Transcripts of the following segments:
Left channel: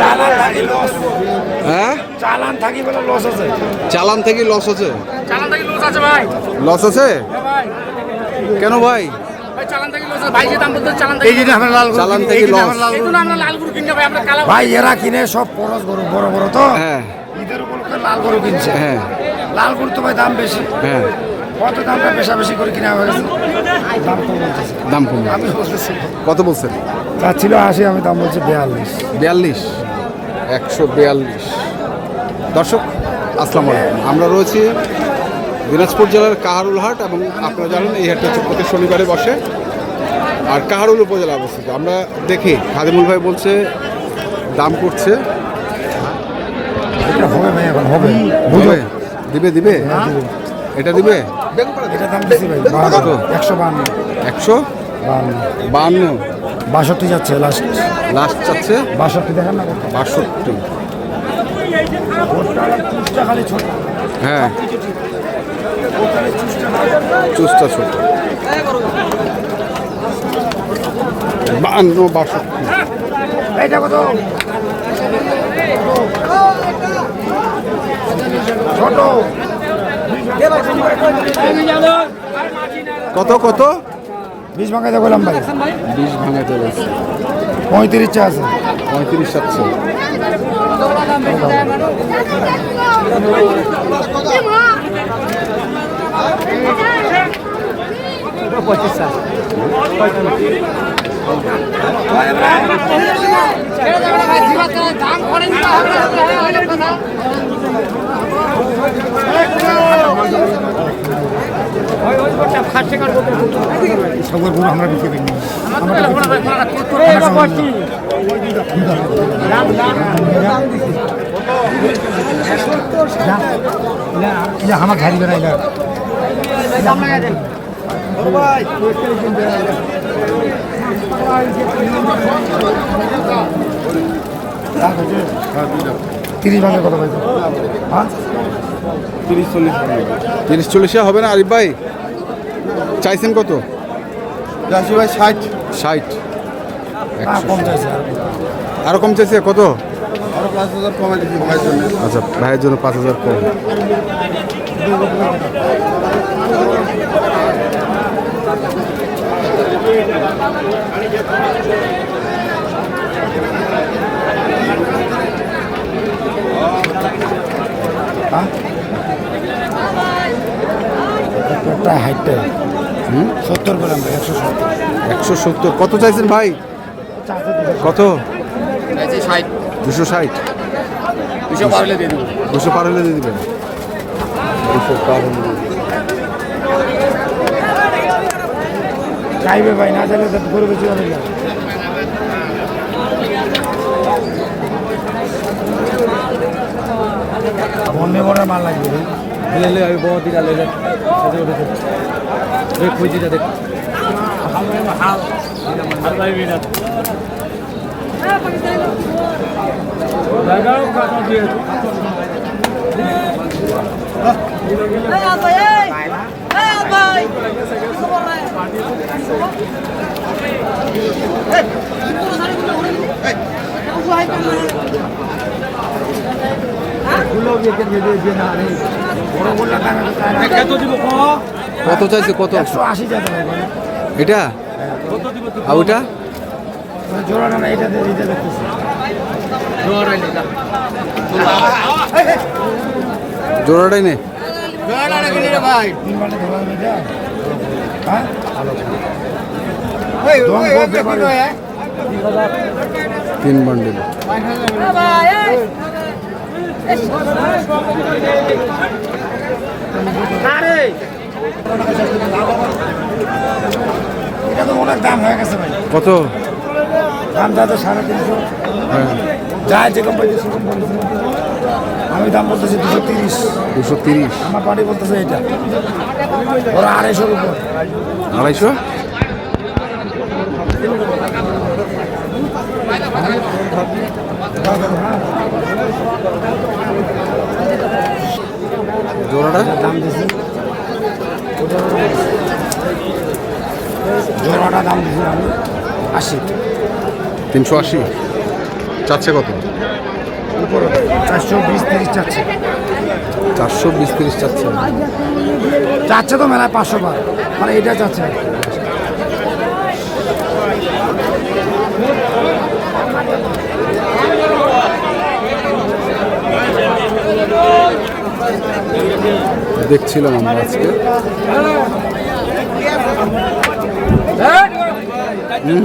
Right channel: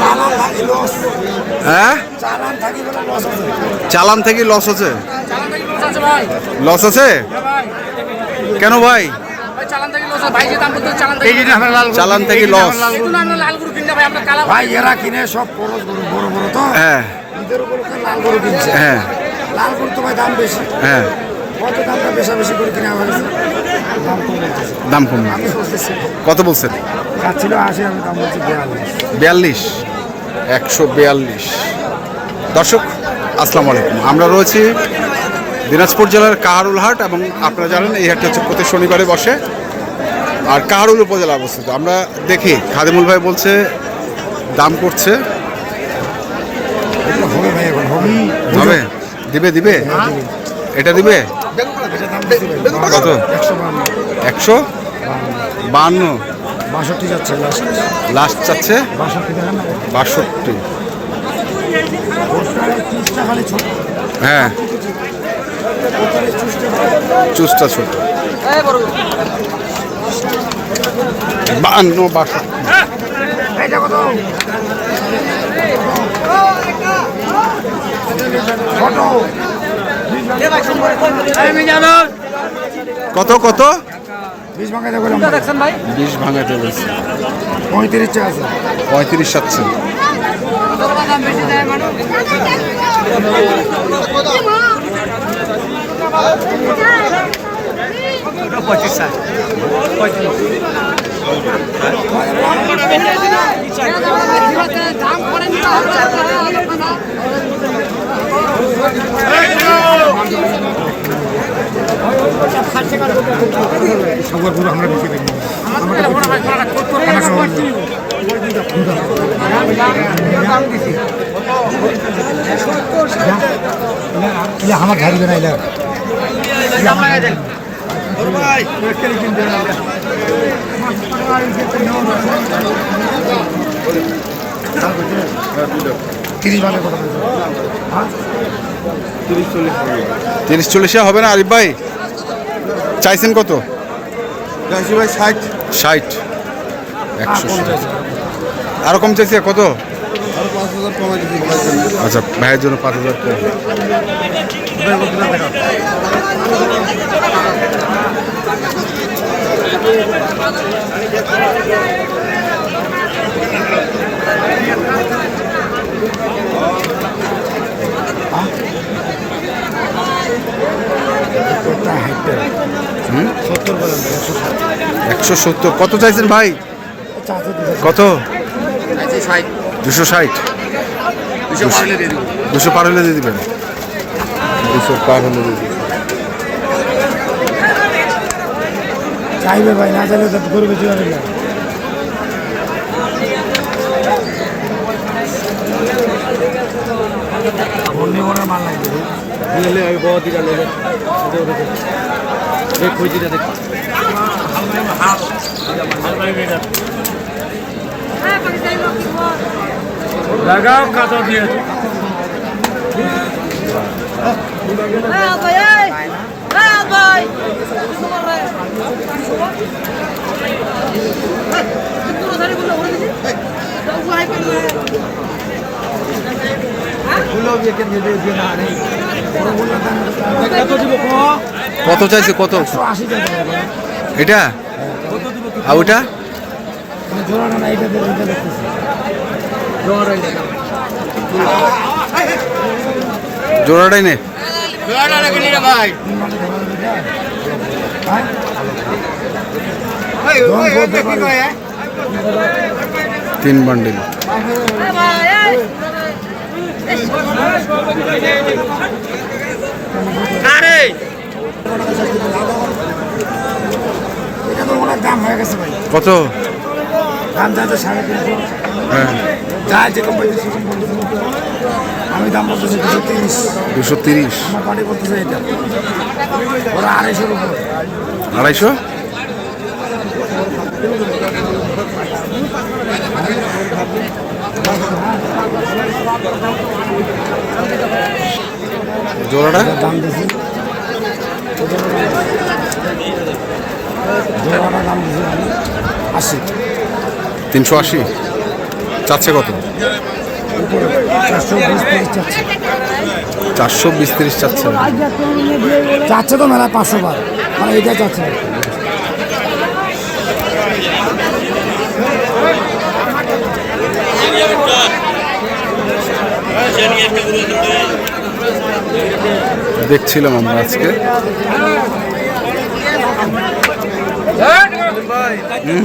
চালান হ্যাঁ? চালান থাকি বলে লস আছে। চালান থেকে লস আছে? লস আছে ভাই। লস আছে? হ্যাঁ কেন ভাই? ভাই চালান থেকে লস ভাই যে দাম বলতে চালান এই থেকে যে আমরা লাল চালান থেকে লস দেখুন আমরা লাল গরু কিনতে ভাই আমরা কালা ভাই এরা কিনে সব খরচ গরু বড় বড় তো। হ্যাঁ। ঈদের লাল গরু কিনছে। হ্যাঁ। লাল গরু তো ভাই দাম বেশি। হ্যাঁ। কত দামটা বেশা বেশি করে কিনা হয়ে গেছে দাম কম। কত বলছেন? যা ছিল আশি আমি দাম বলছি বিয়াল্লিশ। বিয়াল্লিশ? একশো বিয়াল্লিশ। দর্শক আসসালামু আলাইকুম। আমরা রয়েছি দিনাজপুর জেলার কাহারুল হাট এবং আপনারা জানেন এই হাটটা হচ্ছে প্রতি শনিবারে বসে। আর কাহারুল উপজেলা অবস্থিত। আমরা দেখি খাদিমুল ভাই বলছে দাম করছে। হবে। দিবে দিবে? এটা দিবে? কত? একশো বান্ন। বাষট্টি যাচ্ছে লাস্ট লাস্ট চাচ্ছে বাষট্টি দেখেন না হ্যাঁ। চুসটা ছোট। বান্ন বাষট্টি। ছোট। কত কত? বিশ ভাঙাইতে বললাম ভাই। বিষ ভাঙাতে বলছে। পঁয়ত্রিশ চা আছে পঁয়ত্রিশ সাতশো। আমরা গাড়ি করে তিরিশ কত হয়েছে হ্যাঁ তিরিশ চল্লিশে হবে না আরিফ ভাই? চাইছেন কত? আশি ভাই ষাট। ষাট। একশো কম চাইছে। আরও কম চাইছে কত? পাঁচ হাজার কমাই আচ্ছা ভাইয়ের জন্য পাঁচ হাজার কম। একটা একশো একশো সত্তর। কত চাইছেন ভাই? কত? দুশো ষাট। দুশো পার হলে দিয়ে দিবেন। দুশো পার হলে দিয়ে দিবেন। চাইবে ভাই না চাইলে চলে মনে মনে মাল লাগবে। দিলে আমি বড় লেগে দেখ কই দিটা দেখ লাগাও কাটা দিয়ে বড় বললা কত দিব কত চাইছে? কত? এটা? আর ওটা জোড়াটাই নে তিন বান্ডিল। এটা তো অনেক দাম হয়ে গেছে কত দাম যাতে সাড়ে তিনশো। হ্যাঁ। যা সেরকম বলছে। আমি দাম বলতেছি দুশো তিরিশ। দুশো তিরিশ। আমার বাড়ি বলতেছে এটা। ওরা আড়াইশোর উপরে। আড়াইশো? জোড়াটা দাম দিছি জোড়াটা দাম দিছি আমি আশি তিনশো আশি? চাচ্ছে কত? চারশো বিশ তিরিশ চাচ্ছে। চারশো বিশ তিরিশ চাচ্ছে চাচ্ছে তো মেলায় পাঁচশো বার। মানে এটা চাচ্ছে। দেখছিলাম আমরা আজকে।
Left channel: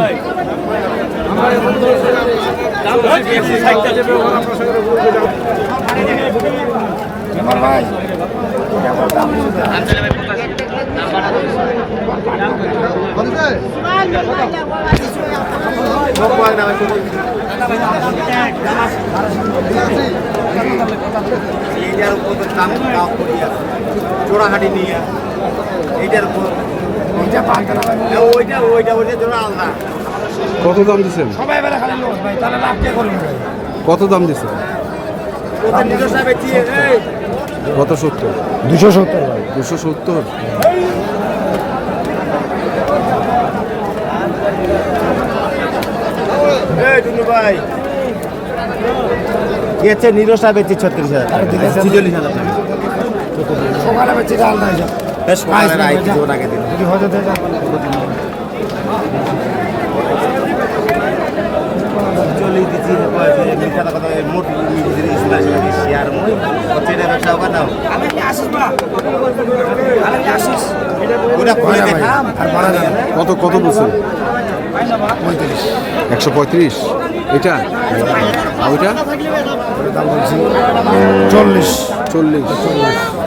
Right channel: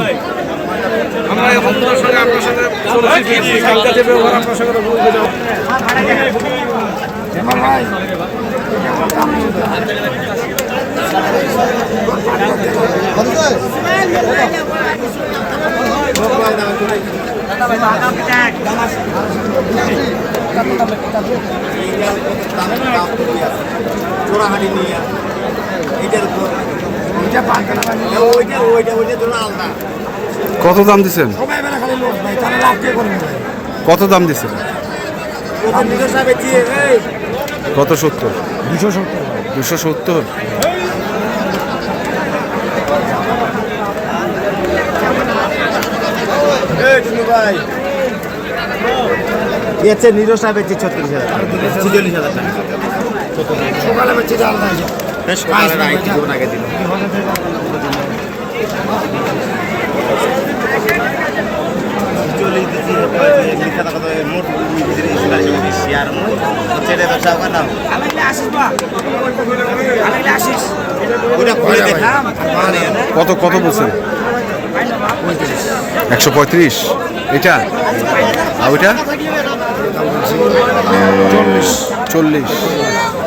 ভাই এইটার উপর দাম দাম করি আছে চোরাহাটি নিয়ে এইটার উপর কত দাম দিছেন? সবাই বেলা খালি লোক ভাই তাহলে লাভ কে করবে ভাই কত দাম দিছেন? ওদের নিজস্ব সাহেব চিয়ে এই কত সত্তর? দুশো সত্তর? দুশো সত্তর নিজস্ব সাহেব চিয়ে ছত্রিশ হাজার সকালে বেচে ডাল দেয় যা। সকালে রায় কিছু আগে দিন যদি হয়তো দেয়, চল্লিশ দিচ্ছি মিথ্যা কথা মোট ব্যবসা ওটা খুলে দেখা মানে। কত কত বলছেন? একশো পঁয়ত্রিশ। এটা? আর ওইটা? চল্লিশ। চল্লিশ।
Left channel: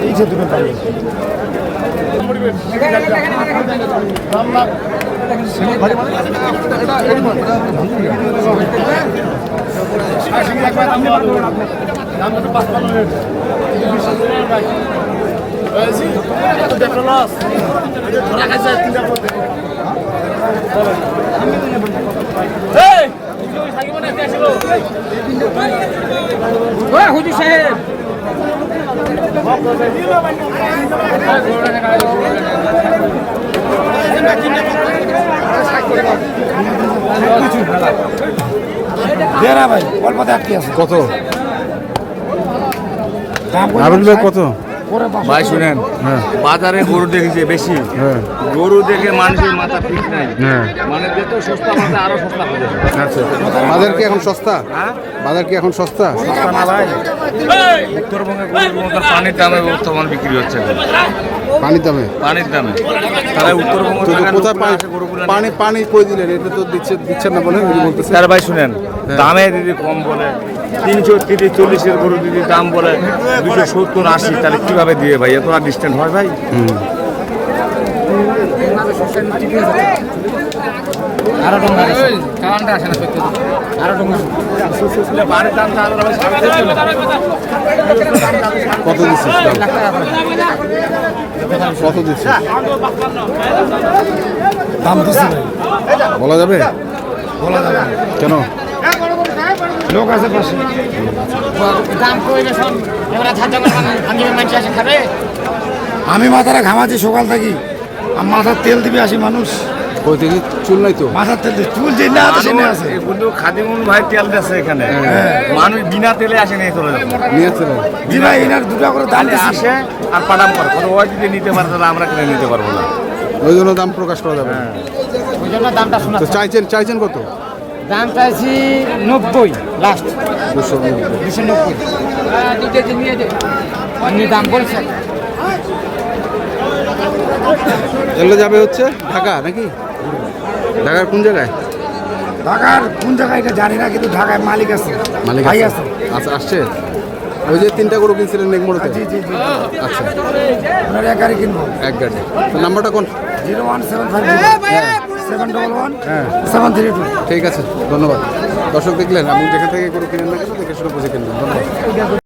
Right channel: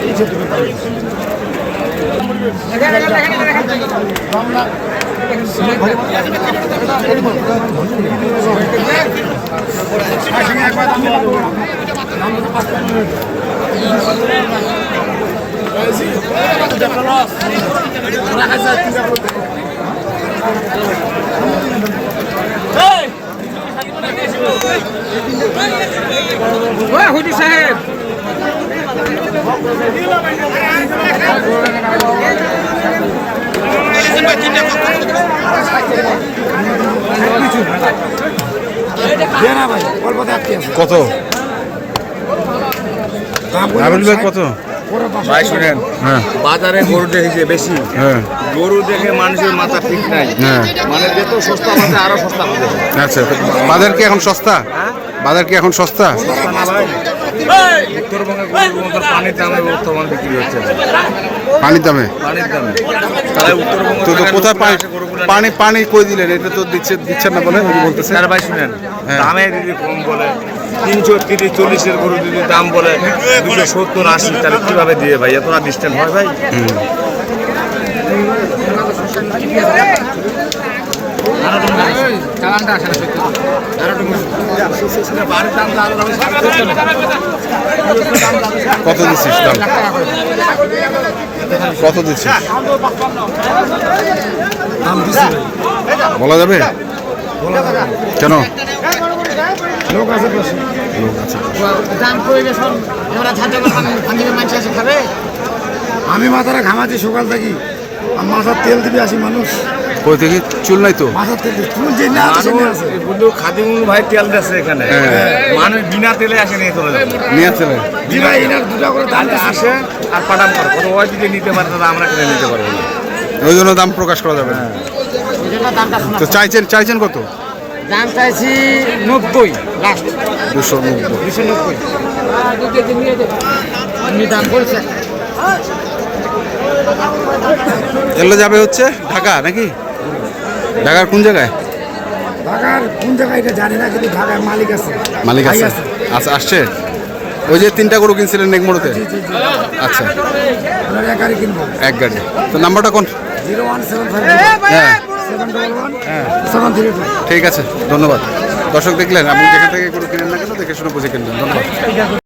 এই যে তুমি সাহেব কত? ভাই কত? ভাই শুনেন হ্যাঁ। বাজারে গরু দেখেছে বেশি। হ্যাঁ। গরু দেখে মানুষের মাথা ঠিক নাই। হ্যাঁ। মানে যত সস্তা মাথা আরও সস্তা আচ্ছা বাজার কি এখন সস্তা? বাজার কি এখন সস্তা? উত্তরবঙ্গে গরুর পানির দামে? বর্তমান বিক্রি হচ্ছে পানির দামে পানির দামে তাহলে উত্তরবঙ্গ তো কোথায় পানি পানি পানি কই দিলেন? এটা তো দিচ্ছে দিচ্ছেন না বলেন কি বলতেছে। স্যার ভাই শুনেন হ্যাঁ। দামে যদি কম বলে তিনশো তিরিশ চল্লিশের গরু যদি দাম বলে দুশো সত্তর আশি তাহলে কীভাবে দিয়ে ভাই? এত ডিস্টেন্স হয় ভাই? কত দিচ্ছিস দাম? কত দিচ্ছিস? দাম দিচ্ছি ভাই বলা যাবে? না। কেন? লোক আছে দাম গেছে আমি মাথাটা ঘামাচ্ছি সকাল থাকি। আর মাথার তেল দিবি আসি মানুষ। কই থেকে? চুল নাই তো? মাথার তেল চুল যে না আছে সে না আছে কিন্তু খাদিমুল ভাই তেল দিচ্ছে এখানে। হ্যাঁ। মানুষ বিনা তেলে আসে নিয়ে চলে যাবে। নিয়ে জি ভাই এনার দুটা করে দাম আসে আর পাটাম করে। কত ওই যদি নিতে পারে তাহলে আমরা কেন নিতে পারব না। ওই জন্য দাম প্রকাশ করা যাবে না। তো চাইছেন চাইছেন কত? দাম চাইছি নব্বই লাস্ট দুশো নব্বই। দুশো নব্বই। দাম বলছেন। এগুলো যাবে হচ্ছে ঢাকা নাকি? ঢাকার কোন জায়গায়? ঢাকার কোন জায়গায় এটা জানি না কিন্তু ঢাকায় মালিক আছে। মালিক আছে। আচ্ছা আসছে? ওই যে তিনটা গরু কিনছিলেন নেকমোড়তে জি জি জি। আচ্ছা। এক গাড়ি কিনবো? এক গাড়ি। তো নাম্বারটা কোন? জিরো ওয়ান সেভেন ফাইভ হ্যাঁ। সেভেন ডবল ওয়ান হ্যাঁ। Seven three two. ঠিক আছে ধন্যবাদ। দর্শক দেখলেন আপনি যেখান থেকে গরু কিনেন না কেন দেখে শুনে বুঝে কিনবেন। ধন্যবাদ।